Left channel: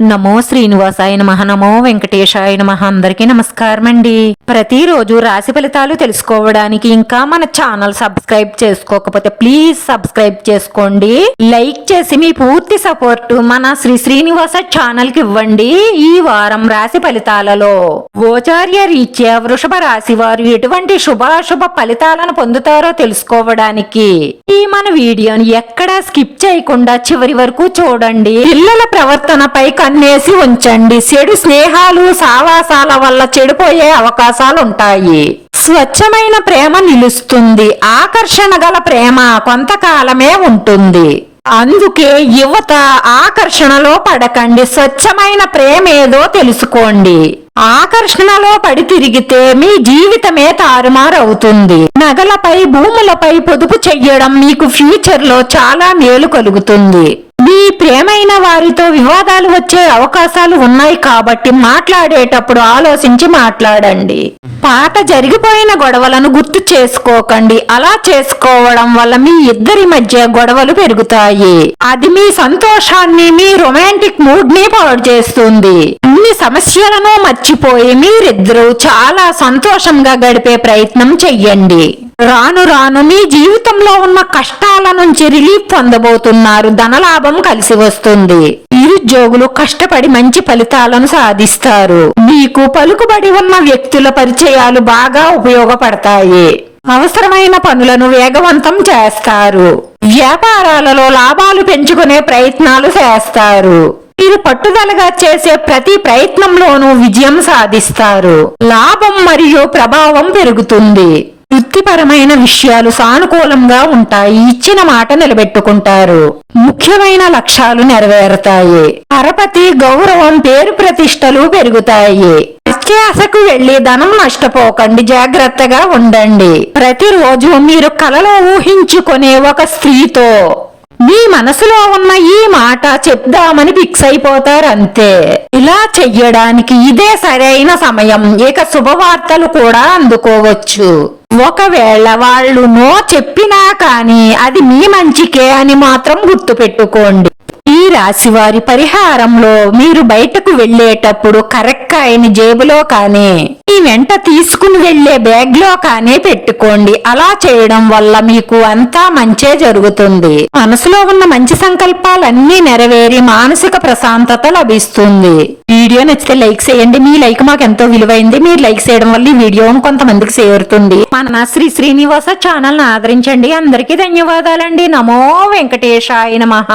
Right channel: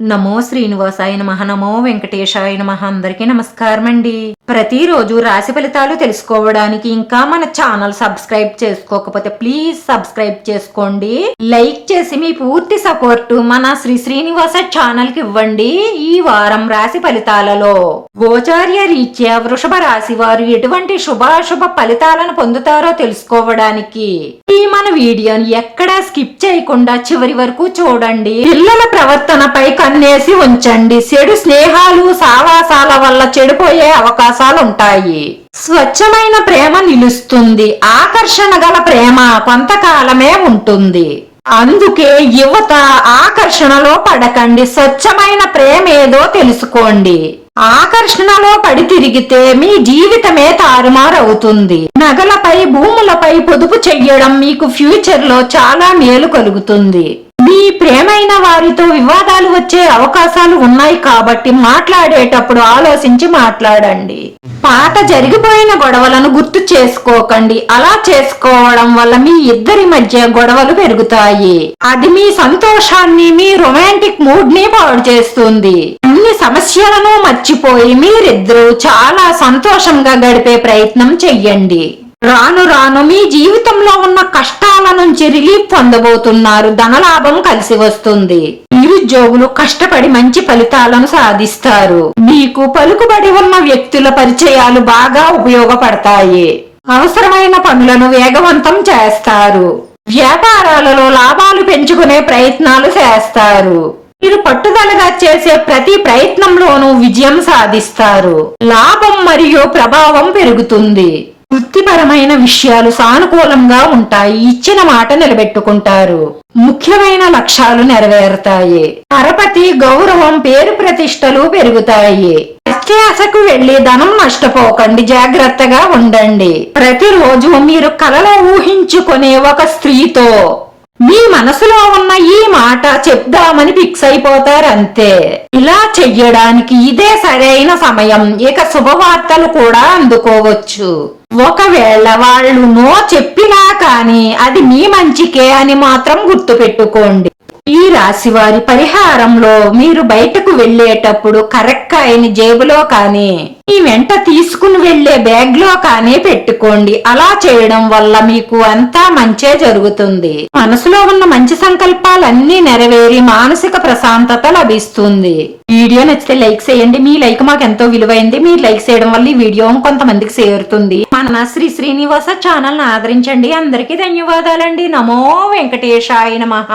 నమో శ్రీనివాసాయ నమః. నమో వెంకటేశాయ నమః. అందరికీ నమస్కారం అండి. ప్రతిరోజు రాశి ఫలితాలు తెలుసుకోవడానికి ఇంకా మన ఛానల్ సబ్స్క్రైబ్ చేసుకోకపోతే ప్లీజ్ సబ్స్క్రైబ్ చేసుకోండి. లైక్ చేసి మీ పూర్తి సపోర్ట్ మన శ్రీనివాస ఛానల్ కి ఇవ్వండి. ఈ వారం రాశి ఫలితాలలో గోచార్య రీత్యా వృషభ రాశి వారు ఎటువంటి శుభాశుభ ఫలితాలను పొందుతారో తెలుసుకోవడానికి ఈ మన వీడియోని ఎక్కడా స్కిప్ చేయకుండా చివరి వరకు చూడండి. పిల్లల ప్రవర్తనపై కన్నేసి ఉంచండి. చెడు స్నేహాలు సావాసాల వల్ల చెడిపోయే అవకాశాలుంటాయి. స్వచ్ఛమైన ప్రేమ నిలుస్తుంది. ఆకర్షణ గల ప్రేమ కొంతకాలమే ఉంటుంది. అందుకే యువత ఆకర్షణలో పడకండి. స్వచ్ఛమైన ప్రేమేదో తెలుసుకోండి. ఆకర్షణలో పడి తిరిగితే మీ జీవితమే తారుమారవుతుంది. నగలపై భూములపై పొదుపు చెయ్యడం మీకు ఫ్యూచర్ లో చాలా మేలు కలుగుతుంది. మీ ప్రేమైన వారితో వివాదాలు వచ్చే అవకాశాలు ఉన్నాయి కాబట్టి మాట్లాడేటప్పుడు ఆలోచించి మాట్లాడండి. పాత జరిగిపోయిన గొడవలను గుర్తు చేసుకోకండి. అలా చేసుకోవడం వల్ల మీ ఇద్దరి మధ్య గొడవలు పెరుగుతాయి. అది మీ సంతోషాన్ని, మీ రొమాంటిక్ మూడ్ ని పాడు చేస్తుంది. అన్ని సమస్యలను మర్చిపోయి మీరిద్దరూ చాలా సంతోషంగా గడిపే ప్రయత్నం చెయ్యండి. రాను రాను మీ జీవితంలో ఉన్న కష్టాల నుంచి రిలీఫ్ పొందబోతున్నారు. ధనలాభం కలిసి వస్తుంది. నిరుద్యోగులు కష్టపడి మంచి ఫలితాలను సాధిస్తారు. మీకు పలుకుబడి ఉన్న వ్యక్తుల పరిచయాలు బాగా ఉపయోగపడతాయి. అవసరమైన పనులను వేగవంతం చేస్తారు. వ్యాపారాలలో లాభాలు పెంచుకునే ప్రయత్నాలు చేస్తారు. మీరు పట్టుదలగా చేసే ప్రతి ప్రయత్నంలోనూ విజయం సాధిస్తారు. లాభం మరియు ప్రభావం పెరుగుతుంది. వృత్తిపరమైన విషయాలు సానుకూలంగా ఉంటాయి. ఇచ్చిన మాట నిలబెట్టుకుంటారు. ముఖ్యమైన లక్ష్యాలు నెరవేరుతాయి. పరపతి, గౌరవం, పేరు ప్రతిష్టలు పెరుగుతాయి. అత్యాశకు వెళ్లి ధనం నష్టపోకండి. జాగ్రత్తగా ఉండండి. ప్రతిరోజు మీరు కలలో ఊహించుకునే ఒక స్త్రీతో మీ మనసులో ఉన్న ఈ మాట చెప్దామని ఫిక్స్ అయిపోతారంతే. ఇలా చెయ్యడానికి ఇదే సరైన సమయం. ఇక శుభవార్తలు కూడా అందుకోవచ్చు. ఒకవేళ వాళ్ళు నో చెప్పినా కానీ అది మీ మంచికే అని మాత్రం గుర్తుపెట్టుకోండి. ఈ రాశి వారి పరిహారంలో మీరు బయటకు వెళ్లేటప్పుడు కరెక్కాయని జేబులో కానీ మీ వెంట తీసుకుని వెళ్లే బ్యాగ్ లో కానీ పెట్టుకోండి. అలా చేయడం వల్ల మీకు అంతా మంచే జరుగుతుంది. మనసులో ఉన్న మంచి సంకల్పాలన్నీ నెరవేరి మానసిక ప్రశాంతత లభిస్తుంది. వీడియో నచ్చితే లైక్ చేయండి. మీ లైక్ మాకు ఎంతో విలువైంది. మీరు లైక్ చేయడం వల్ల ఈ వీడియో కొంతమందికి చేరుతుంది. మన శ్రీనివాస ఛానల్ ను ఆదరించండి. అందరికీ ధన్యవాదాలండి. నమో వెంకటేశాయ నమః.